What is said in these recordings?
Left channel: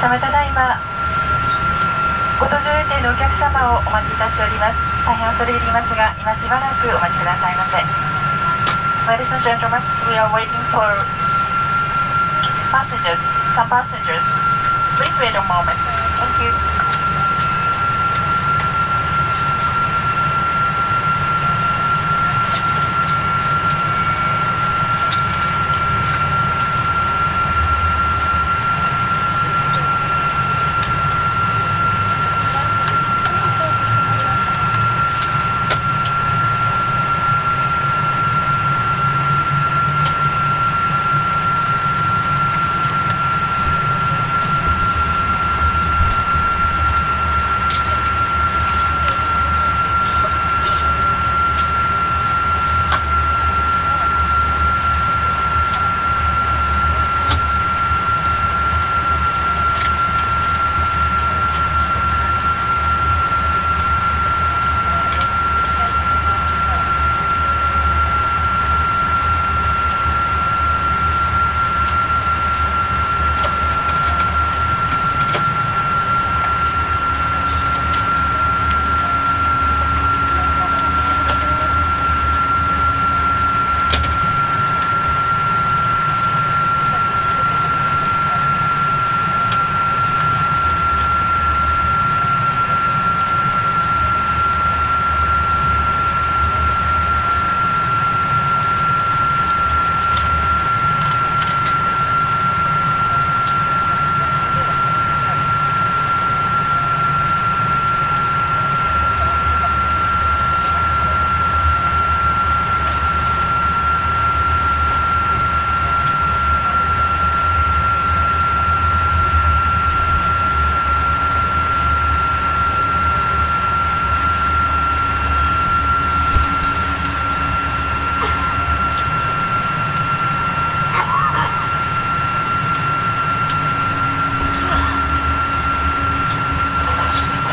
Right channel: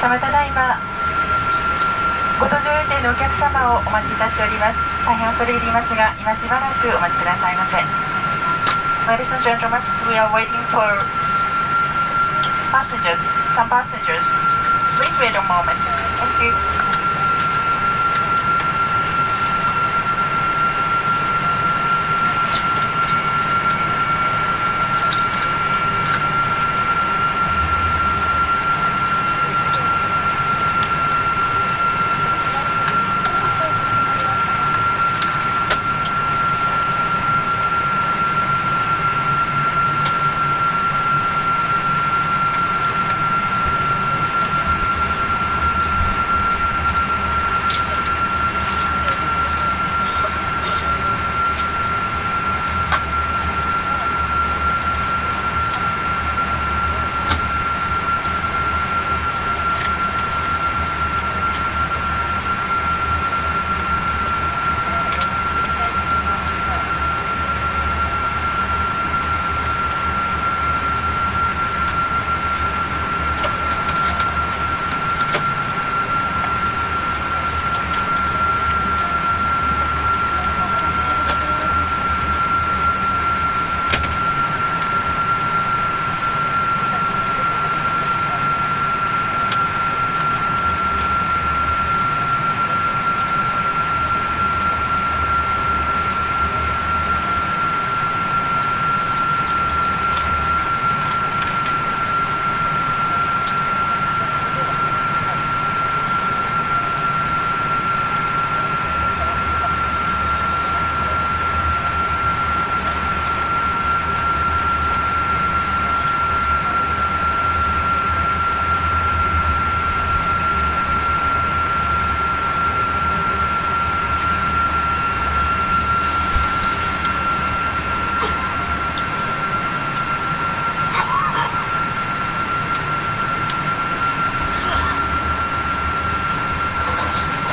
様、ただいまご搭乗予定のお客様をお待ちいたしております。大変恐れ入りますが、今しばらくお待ちくださいませ。 Ladies and gentlemen, we are waiting for passengers, some passengers. Please wait a moment. Thank you.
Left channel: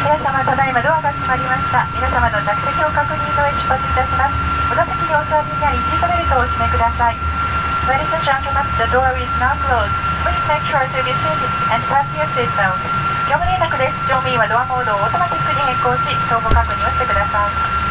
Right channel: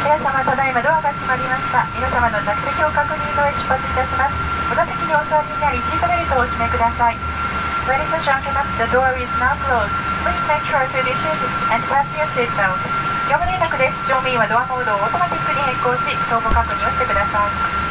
皆様、ただいまドアが閉まりました。皆様の着席を確認の上出発いたします。お座席にお座りになり、シートベルトをお締めください。Ladies and gentlemen, the door is now closed. Please make sure to be seated and fasten your seatbelt. 業務連絡です。乗務員はドアモードをオートマティックに変更し、相互確認をしてください。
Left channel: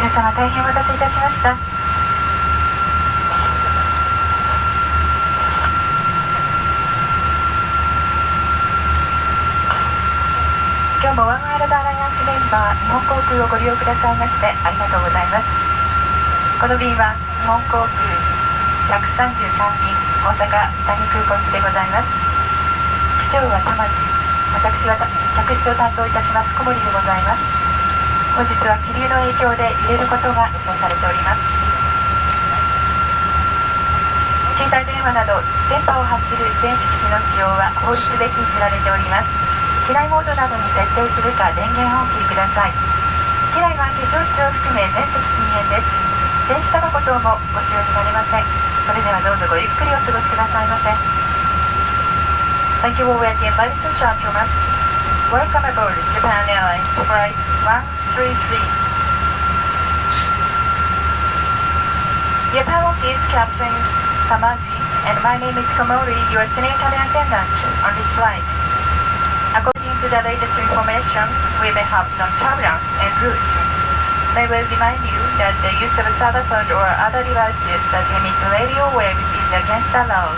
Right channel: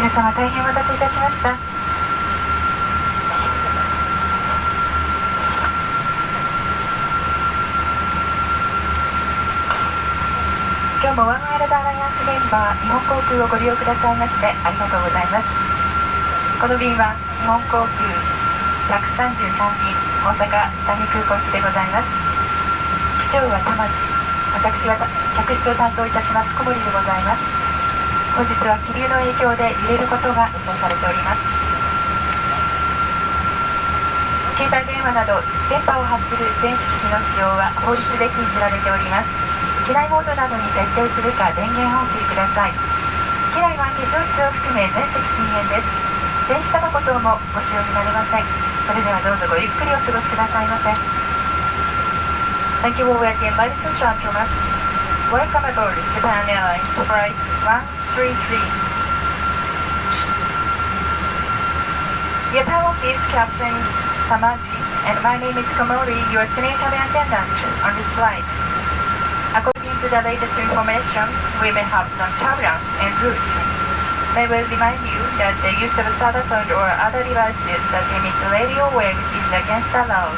皆様、大変お待たせいたしました。今日もワンワールドアライアンスメンバー日本航空をご利用くださいましてありがとうございます。この便は日本航空133便大阪谷空港行きでございます。機長は玉地、私は客室を担当いたします小森でございます。本日は気流の影響で揺れることが予想されております。携帯電話など電波を発する電子機器の使用は法律で禁じられております。機内モードなどに設定するか電源をお切りください。機内は非常室を含め全席禁煙です。電子タバコ等もご使用になれません。それではどうぞごゆっくりお過ごしくださいませ。Thank you for waiting, ladies and gentlemen. Welcome aboard Japan Airlines Flight 133. Japan is Captain Samaji, and my name is Komori, your senior cabin attendant on this flight. According to the latest information, we may have some turbulence en route. May we remind you that the use of cell phone or other devices that emit radio waves is against the law.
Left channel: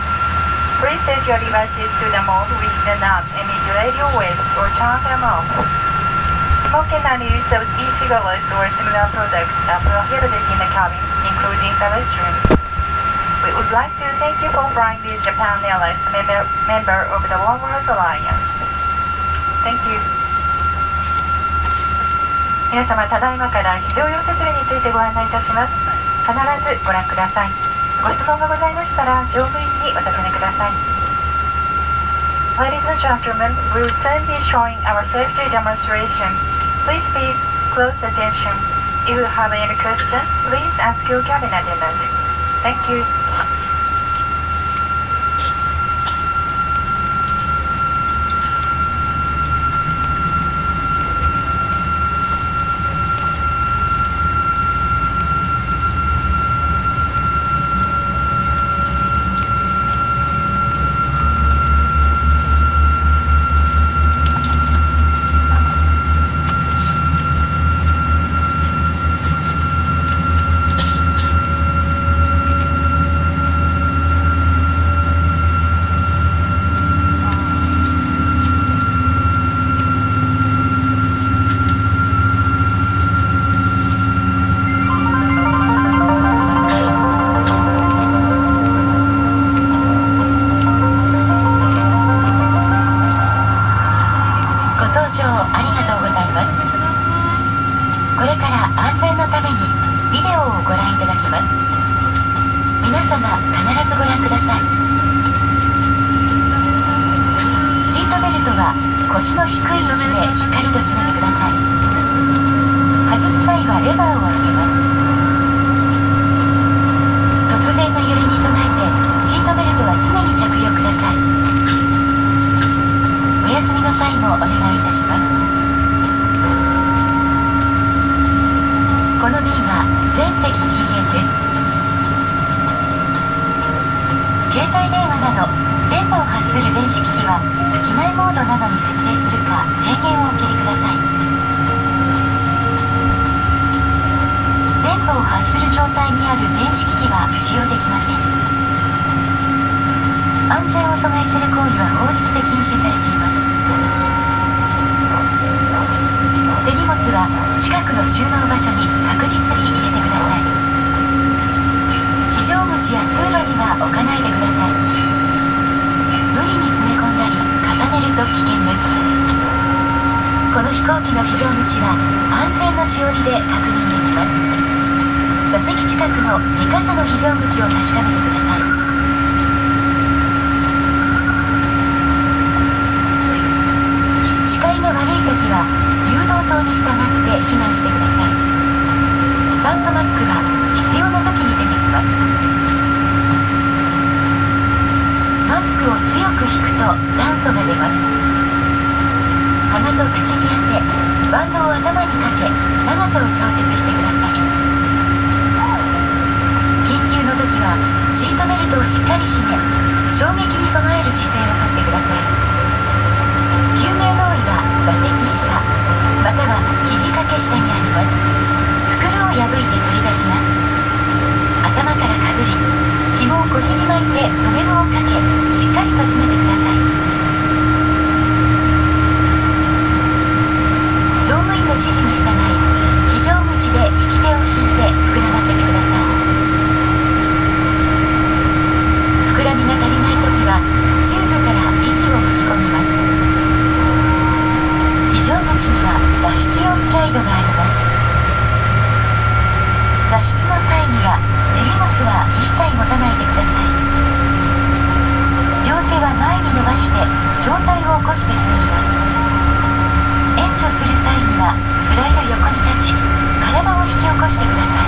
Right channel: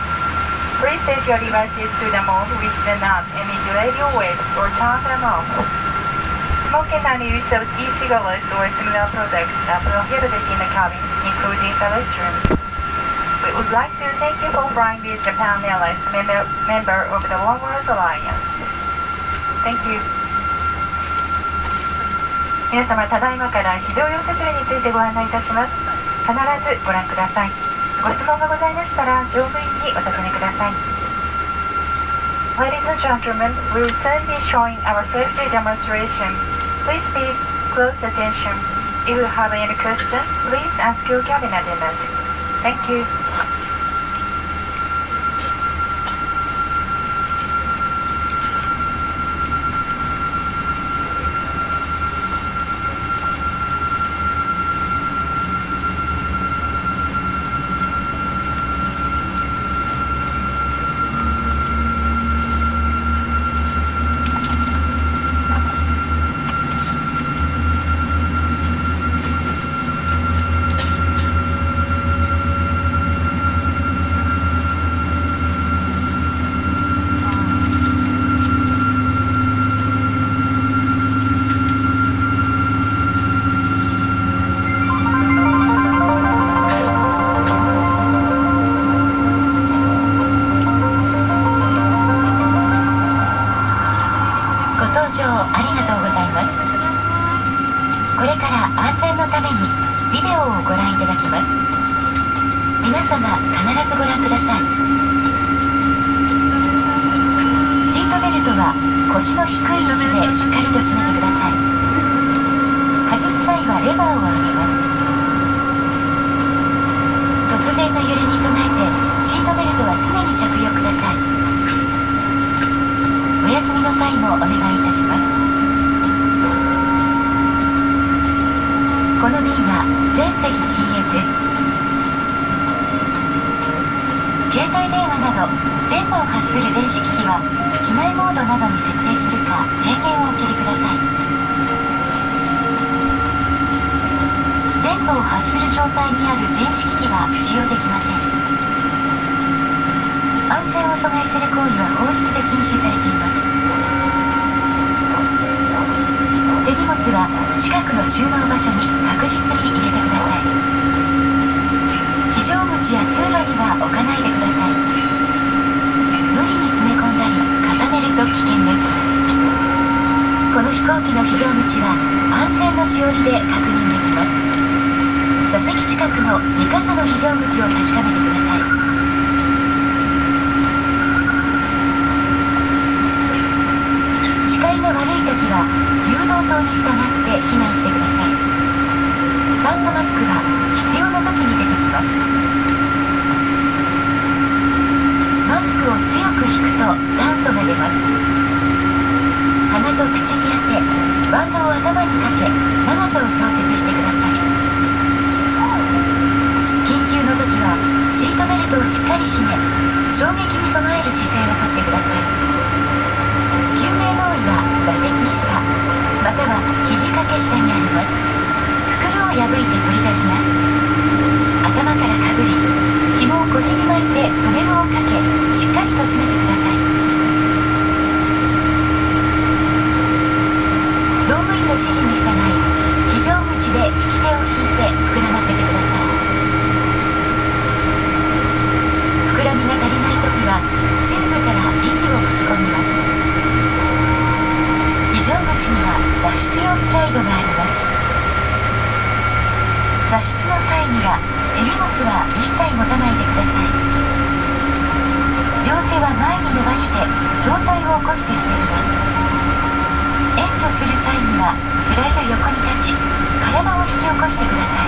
Please set your devices to the mode which do not emit radio waves or turn them off. Smoking and use of e-cigarettes or similar products are prohibited in the cabin, including the restroom.We would like to thank you for flying with Japan Airlines member of the One World Alliance. Thank you. 皆様、ただいまから非常用設備についてご案内いたします。必ずご覧ください。ご質問がございましたら、乗務員にお尋ねください。Ladies and gentlemen, we will soon be showing our safety demonstration. Please pay close attention. If you have any questions, please ask your cabin attendant. Thank you.ありがとうございます。これから安全のためにビデオをご覧いただきます。皆様必ずご覧ください。シートベルトは腰の低い位置でしっかりと締めてください。外す際はレバーを上げます。突然の揺れに備えてシートベルトは常に着用ください。お休みの際もお願いいたします。この便は全席禁煙です。携帯電話など電波を発する電子機器は機内モードなどに設定するか電源をお切りください。電波を発する状態にある電子機器は使用できません。安全を阻害する行為は法律で禁止されています。手荷物は近くの収納場所に確実に入れてください。非常口や通路には置かないでください。無理に詰め込んだり重ねると危険です。この飛行機の非常口は安全のしおりで確認できます。座席近くの2カ所の非常口を確かめてください。視界が悪いときは誘導灯に従って避難してください。酸素マスクは必要な時に出てきます。マスクを強く引くと酸素が出ます。鼻と口に当てバンドを頭にかけ長さを調節してください。緊急の時はシートベルトをしっかり締め衝撃に備える姿勢をとってください。救命胴衣は座席下または肘掛け下にあります。袋を破いて取り出します。頭からかぶり紐を腰に巻いて留め具をかけしっかりと締めてください。乗務員の指示に従い非常口で引き手を引いて膨らませてください。膨らみが足りないときはチューブから息を吹き込みます。非非常口には脱出用スライドがあります。脱出の際には手荷物は一切持たないでください。両手は前に伸ばして上体を起こして滑ります。援助する際にはスライド横に立ち体を引き起こしてくださ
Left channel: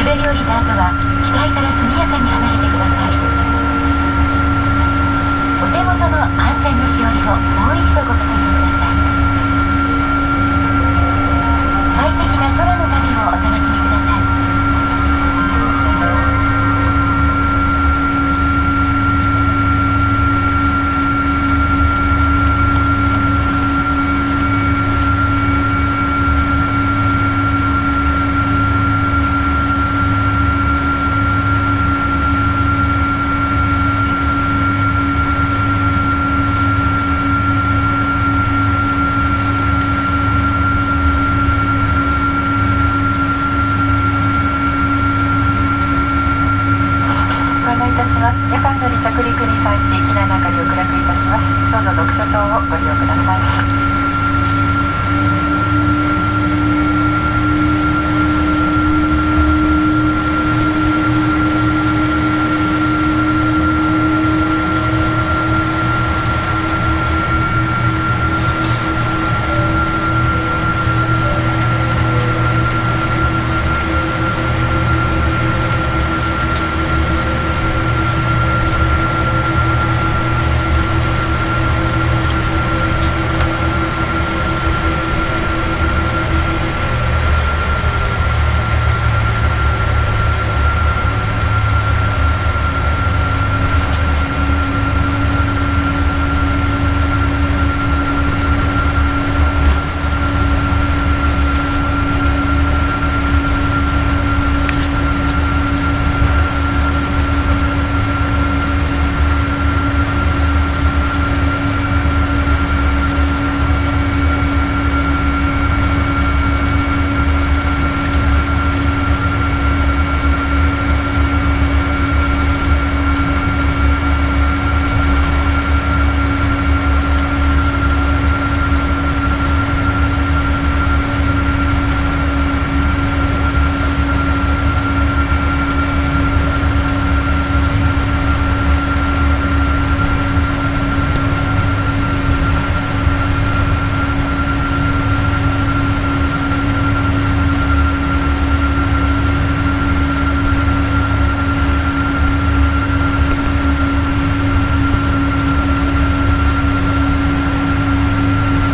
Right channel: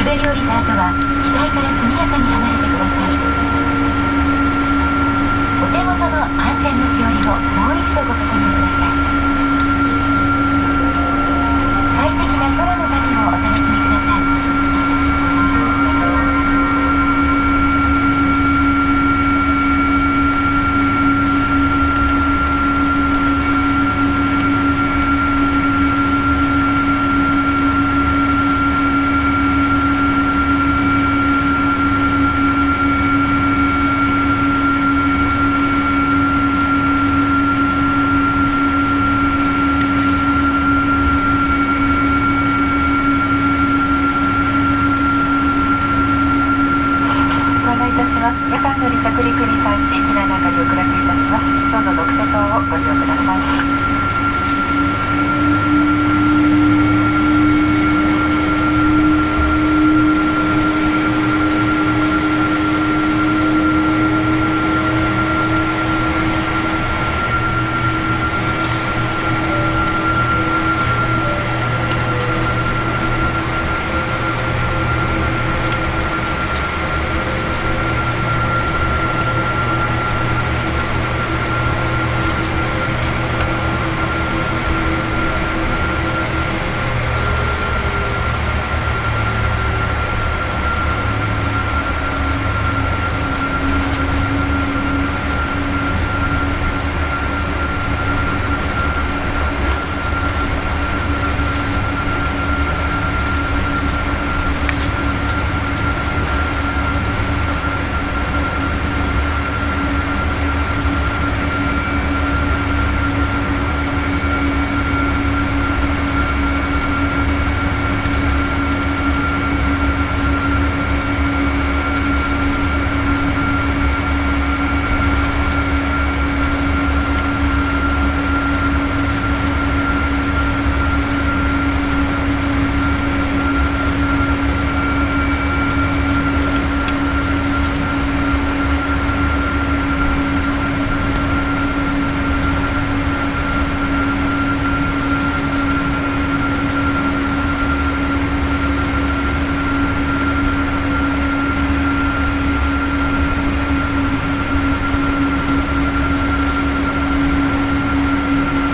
い。滑り降りた後は機体から速やかに離れてください。お手元の安全のしおりをもう一度ご確認ください。快適な空の旅をお楽しみください。夜間の離着陸に際し機内の明かりを暗くいたします。どうぞ読書灯をご利用ください。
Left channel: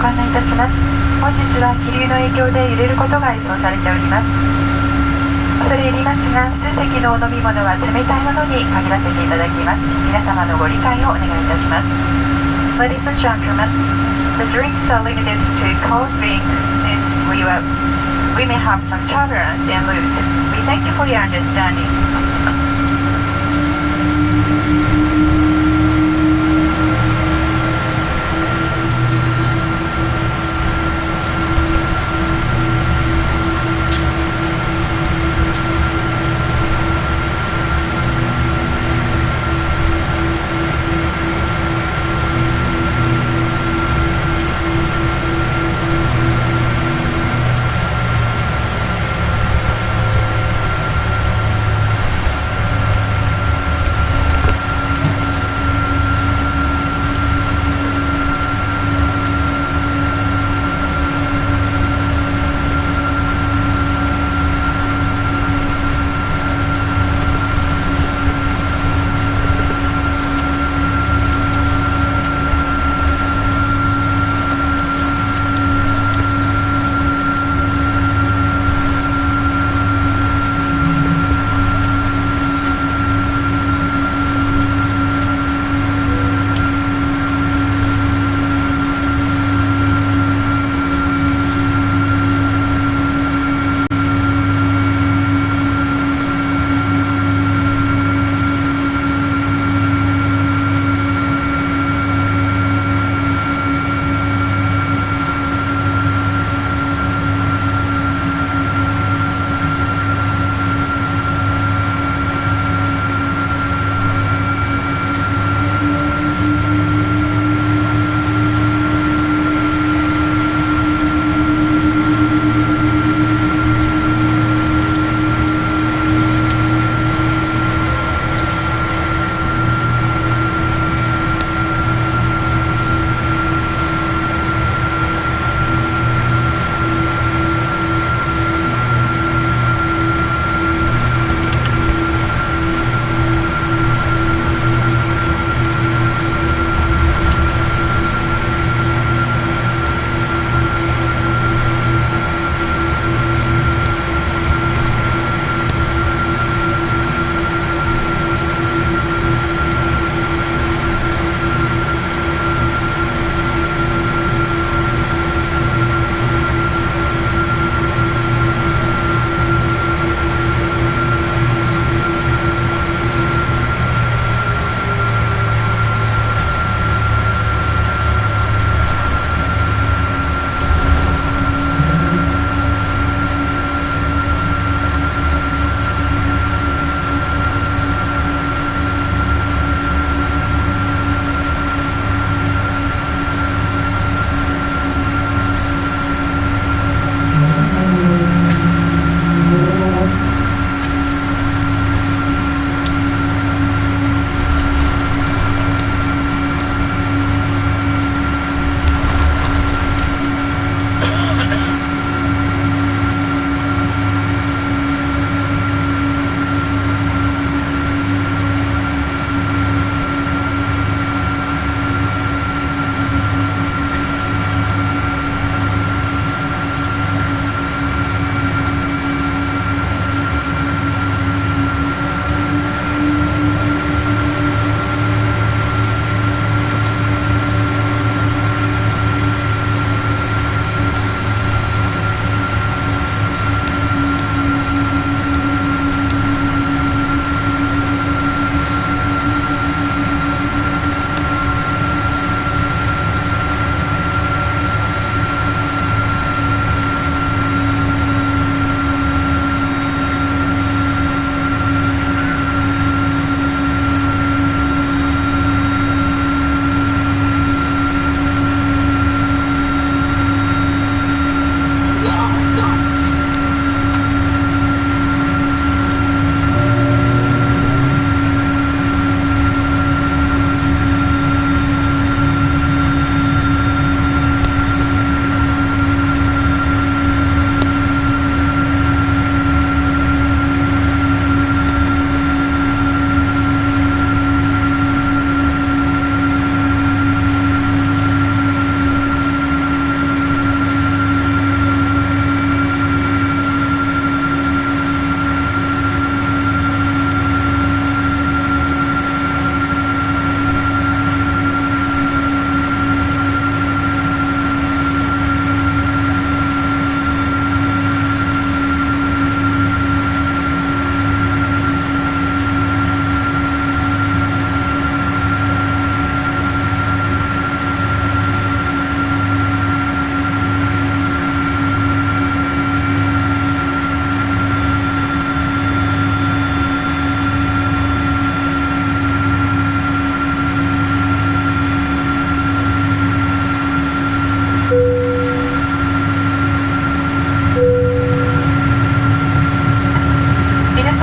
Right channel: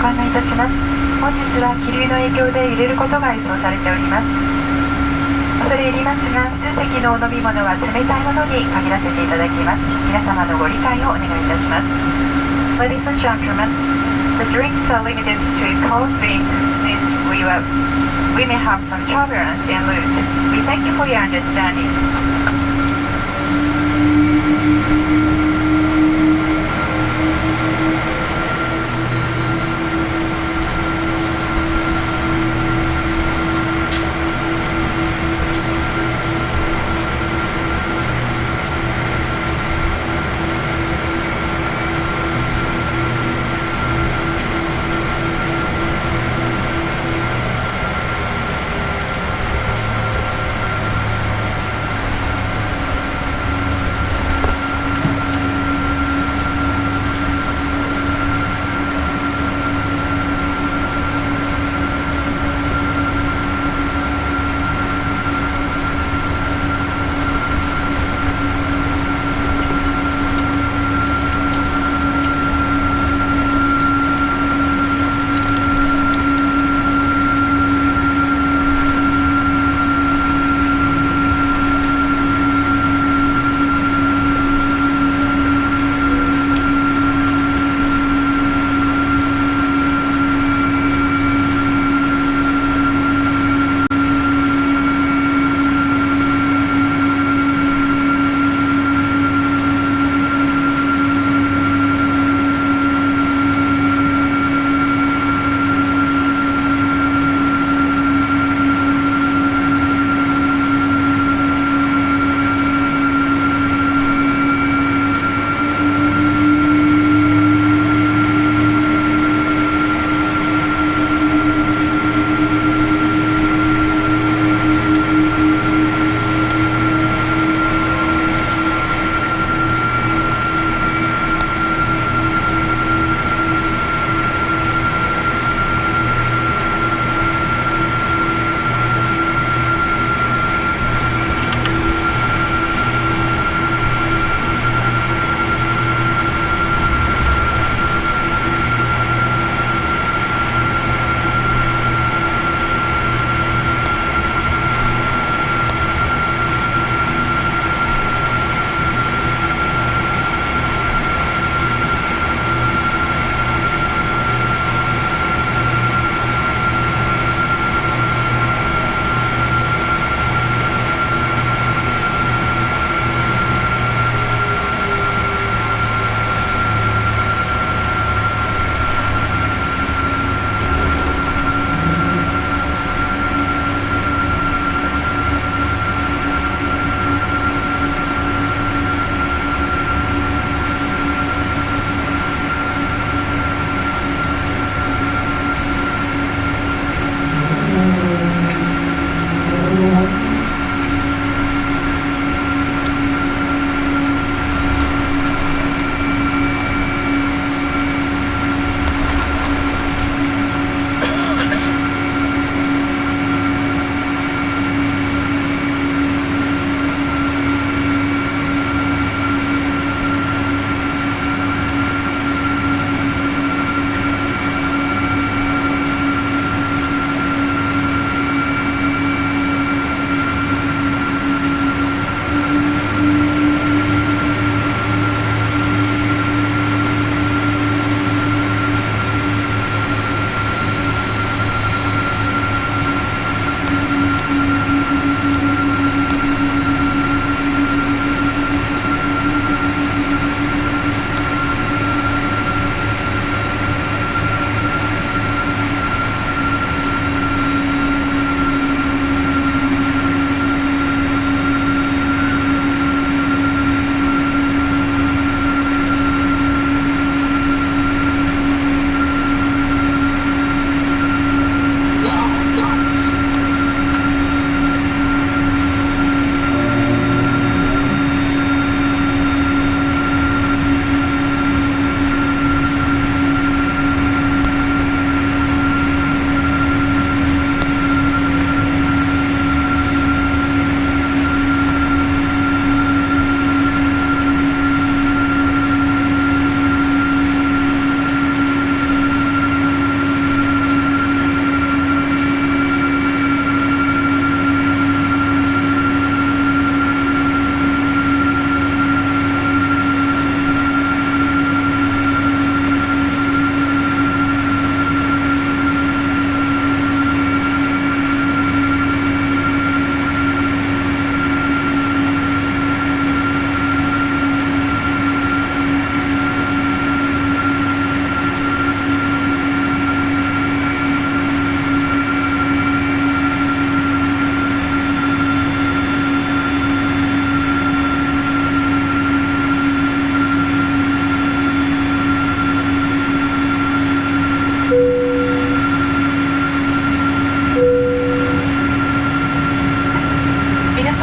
ご案内いたします。本日は気流の影響で揺れることが予想されております。恐れ入りますが、数席のお飲み物は冷たいものに限らせていただきます。皆様のご理解をお願いいたします。Ladies and gentlemen, the drinks are limited to cold drinks since we may have some turbulence en route. We thank you for your understanding. ご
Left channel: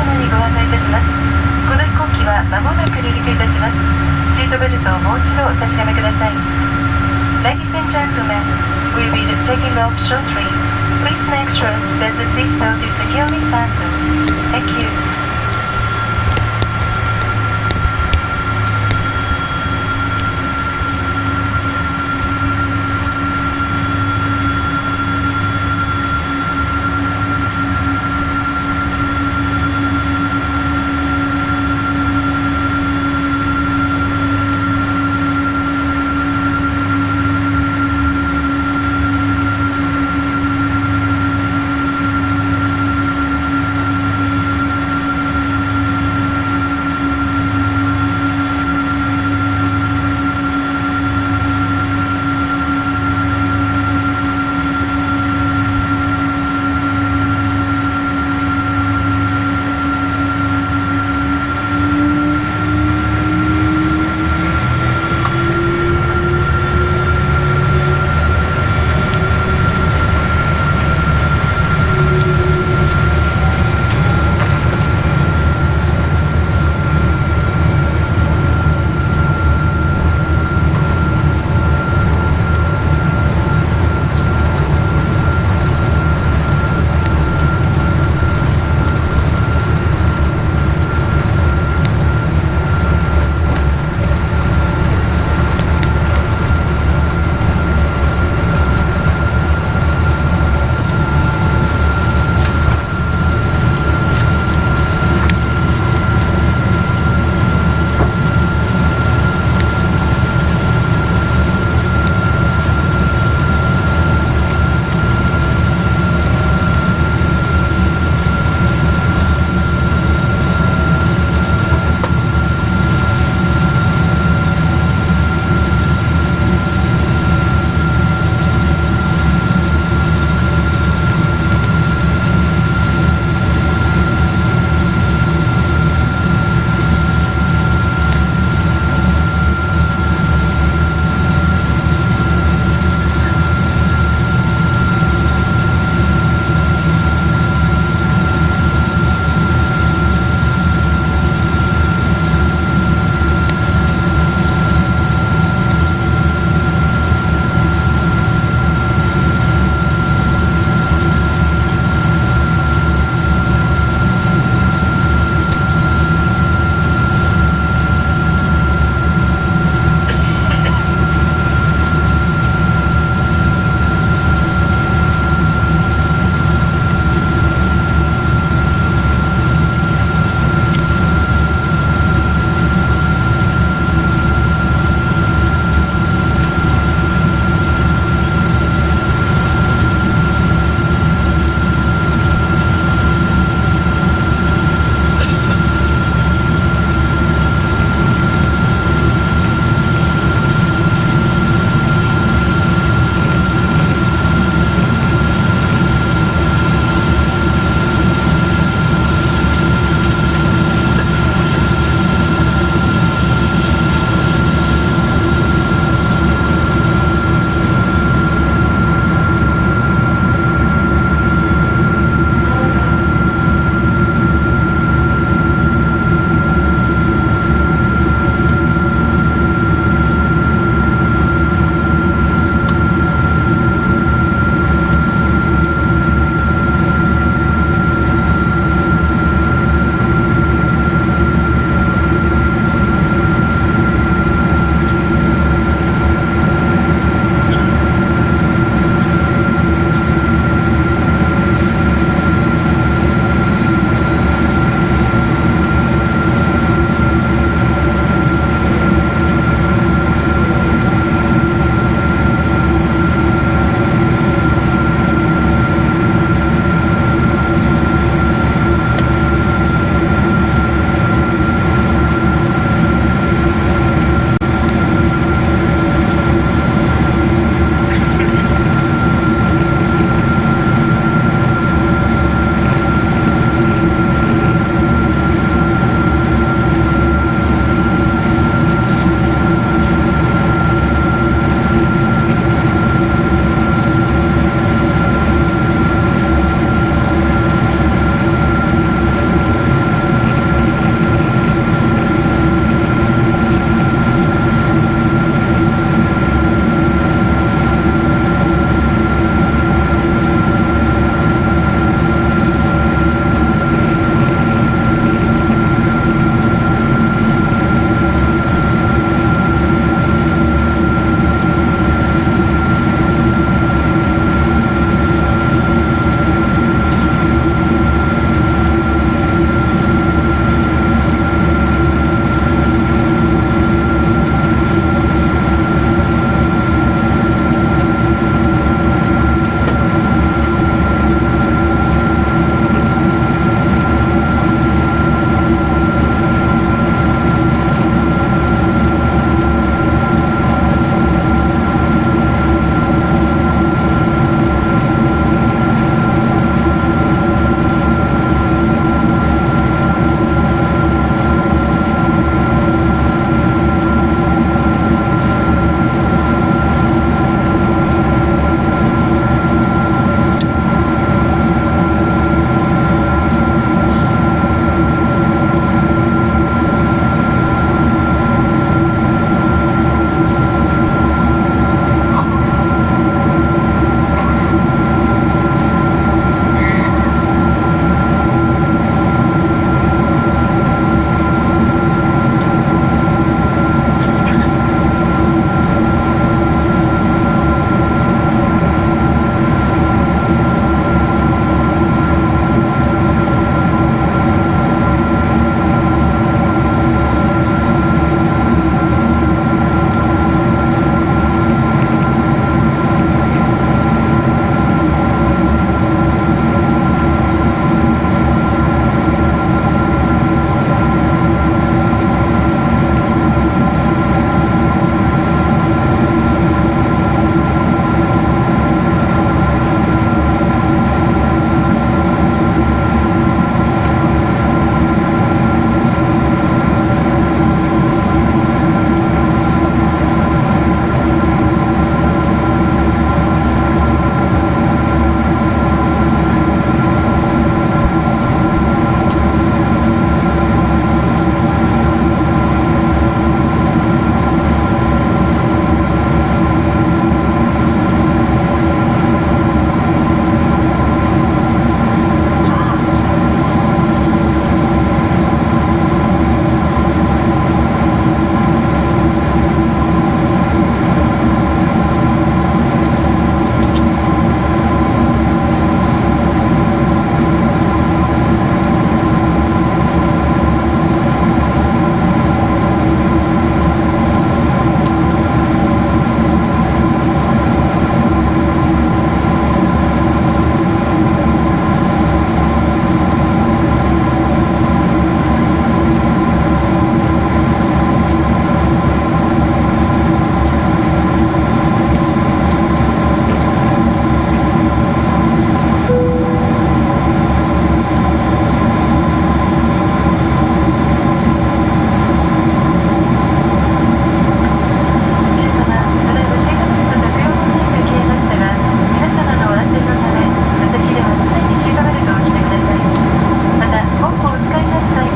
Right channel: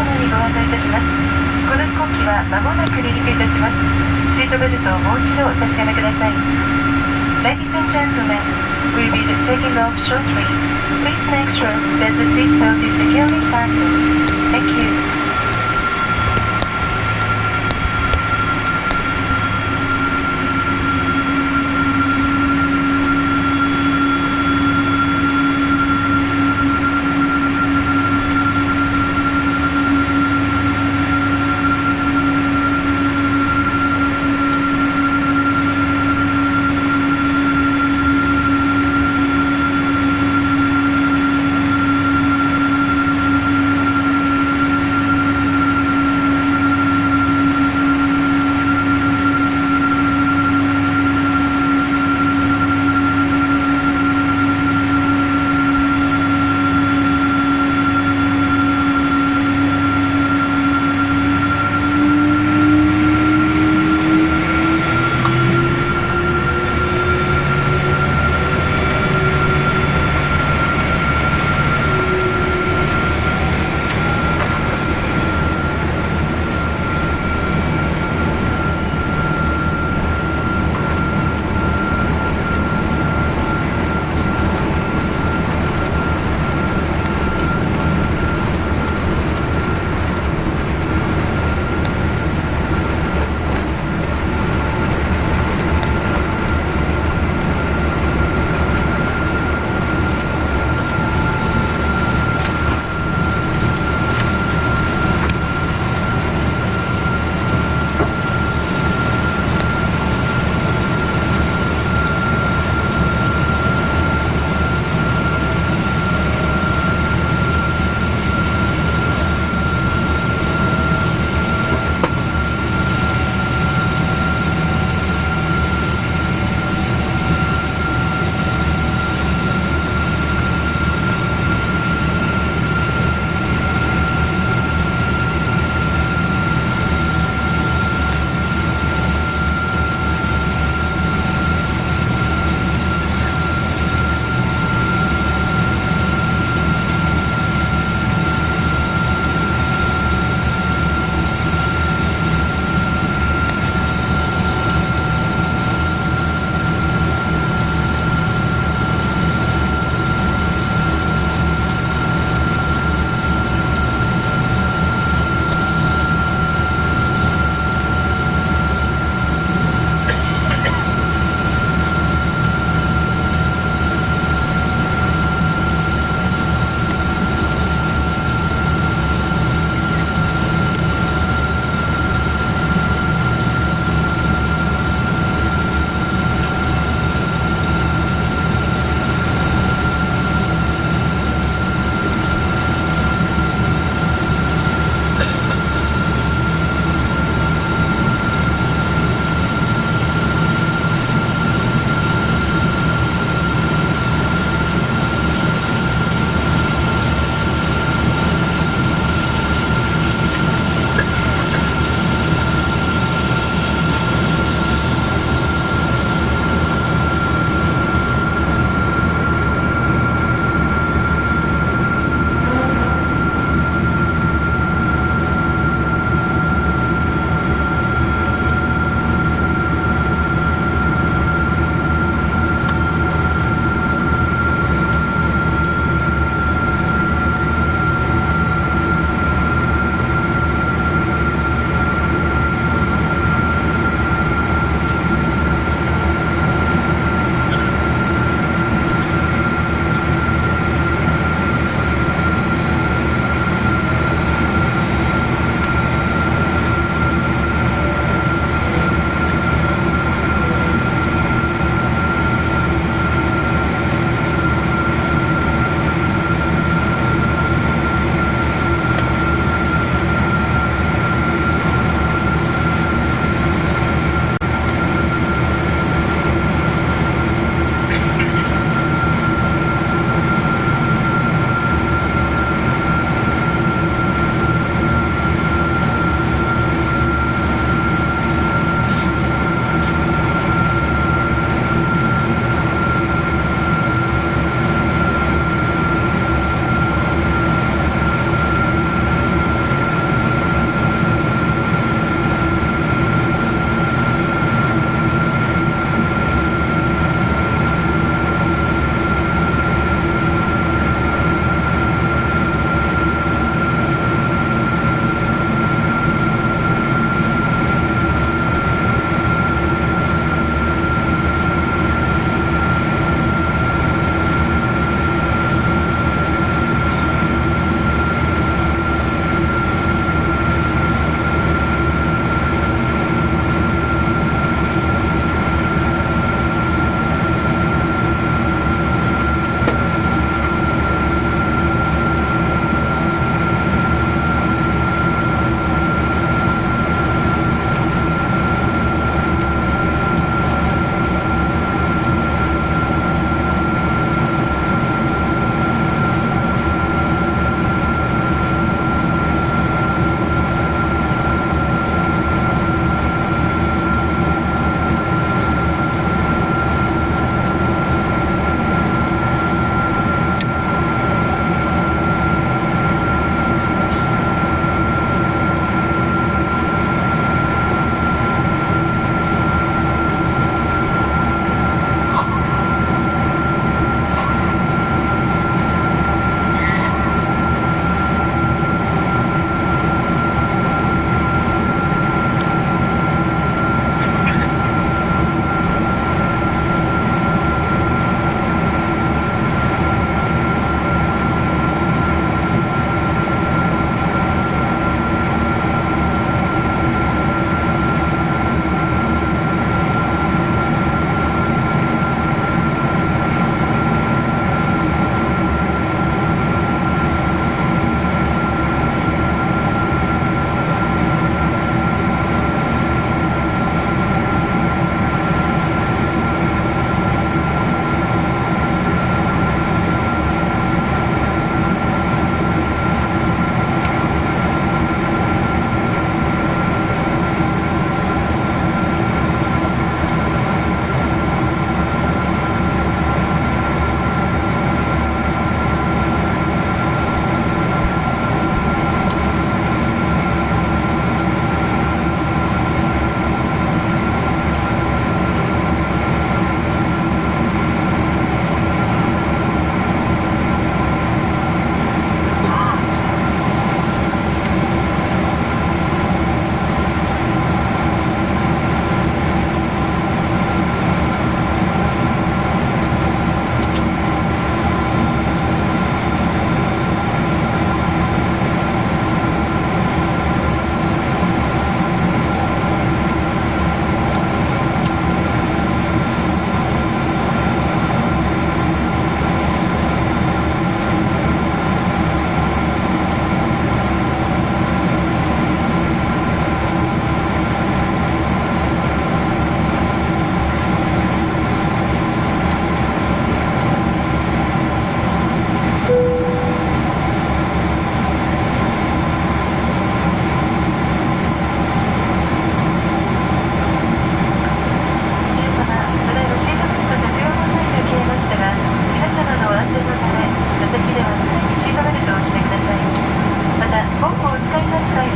様にご案内いたします。この飛行機は間もなく離陸いたします。シートベルトをもう一度お確かめください。Ladies and gentlemen, we will be taking off shortly. Please make sure that the seatbelt is securely fastened. Thank you.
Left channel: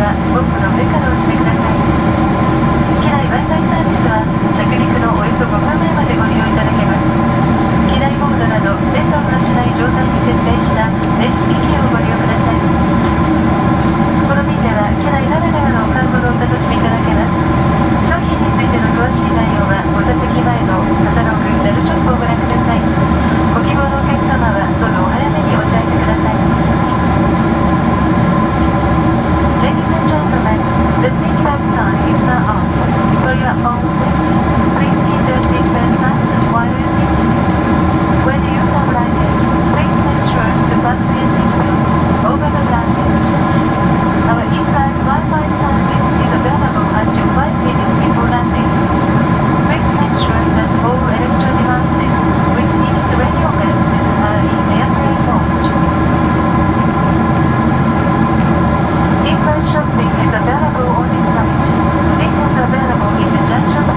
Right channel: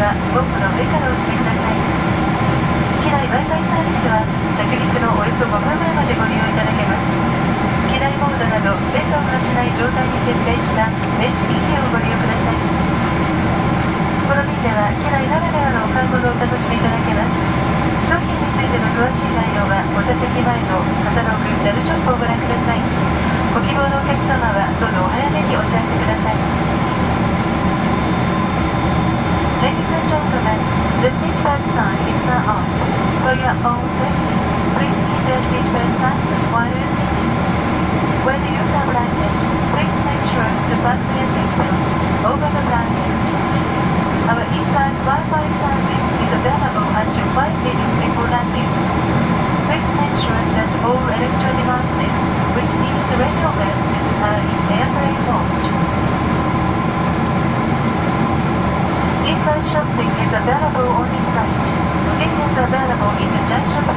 はボンの上からお閉めください。機内 Wi-Fi サービスは着陸のおよそ5分前までご利用いただけます。機内モードなど電波を発しない状態に設定した電子機器をご利用ください。この便では機内ならではのお買い物をお楽しみいただけます。商品についての詳しい内容はお座席前のカタログ JAL ショップをご覧ください。ご希望のお客様はどうぞお早めにお知らせください。Ladies and gentlemen, the seatbelt sign is now on. For your own safety, please keep the seatbelt fastened while you're seated. When you have landed, please make sure to fasten your seatbelt over the blanket. Our in-flight Wi-Fi service is available until 5 minutes before landing. Please make sure that all electronic devices, which emit radio waves, are in airplane mode. In-flight shopping is available on this flight. This is available in the JAL Shop